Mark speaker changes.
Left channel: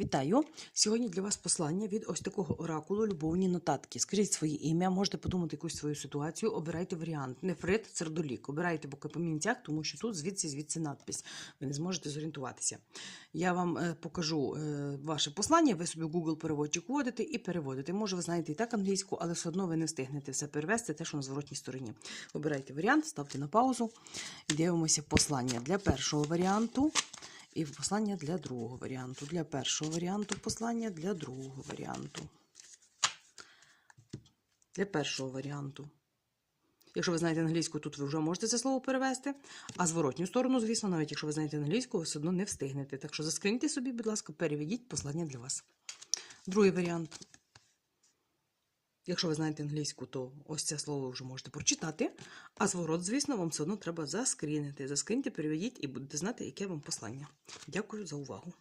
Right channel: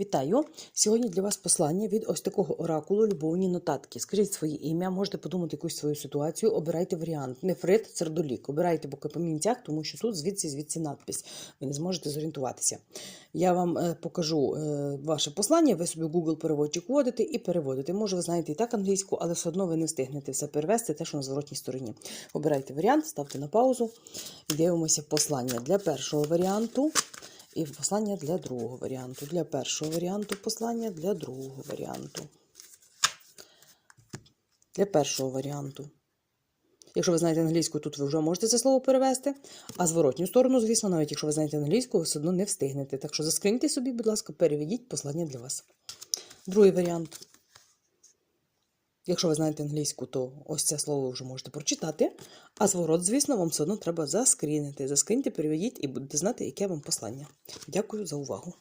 Speaker 1: Вітаю! Сьогодні для вас послання від ось такого оракулу любовні нотатки. Скажіть своє ім'я, можете подумати якусь свою ситуацію, обирайте варіант. Нефрит, сердолік. Обирайте по камінцях, тому що тут звідси звідси надпис. Ви не зможете зорієнтуватися. Я вам е, покажу е, ваше послання, ви собі Google переводчик вводите і переводите. Може, ви знаєте і так англійську, але все одно ви не встигнете все перевести, те, що на зворотній стороні. Обирайте варіант, ставте на паузу і дивимося послання для першого варіанту. І послання для другого варіанту. Для першого варіанту послання для другого варіанту. Для першого варіанту. Якщо ви знаєте англійську, тут ви вже можете це слово перевести. А зворотню сторону, звісно, навіть якщо ви знаєте англійську, ви все одно не встигнете. Так що заскриньте собі, будь ласка, переведіть послання для вас. Другий варіант. Якщо ви знаєте англійську, то ось це слово ви вже можете прочитати. А зворот, звісно, вам все одно треба заскрінити. Заскріньте, переведіть і будете знати, яке вам послання. Дякую за увагу.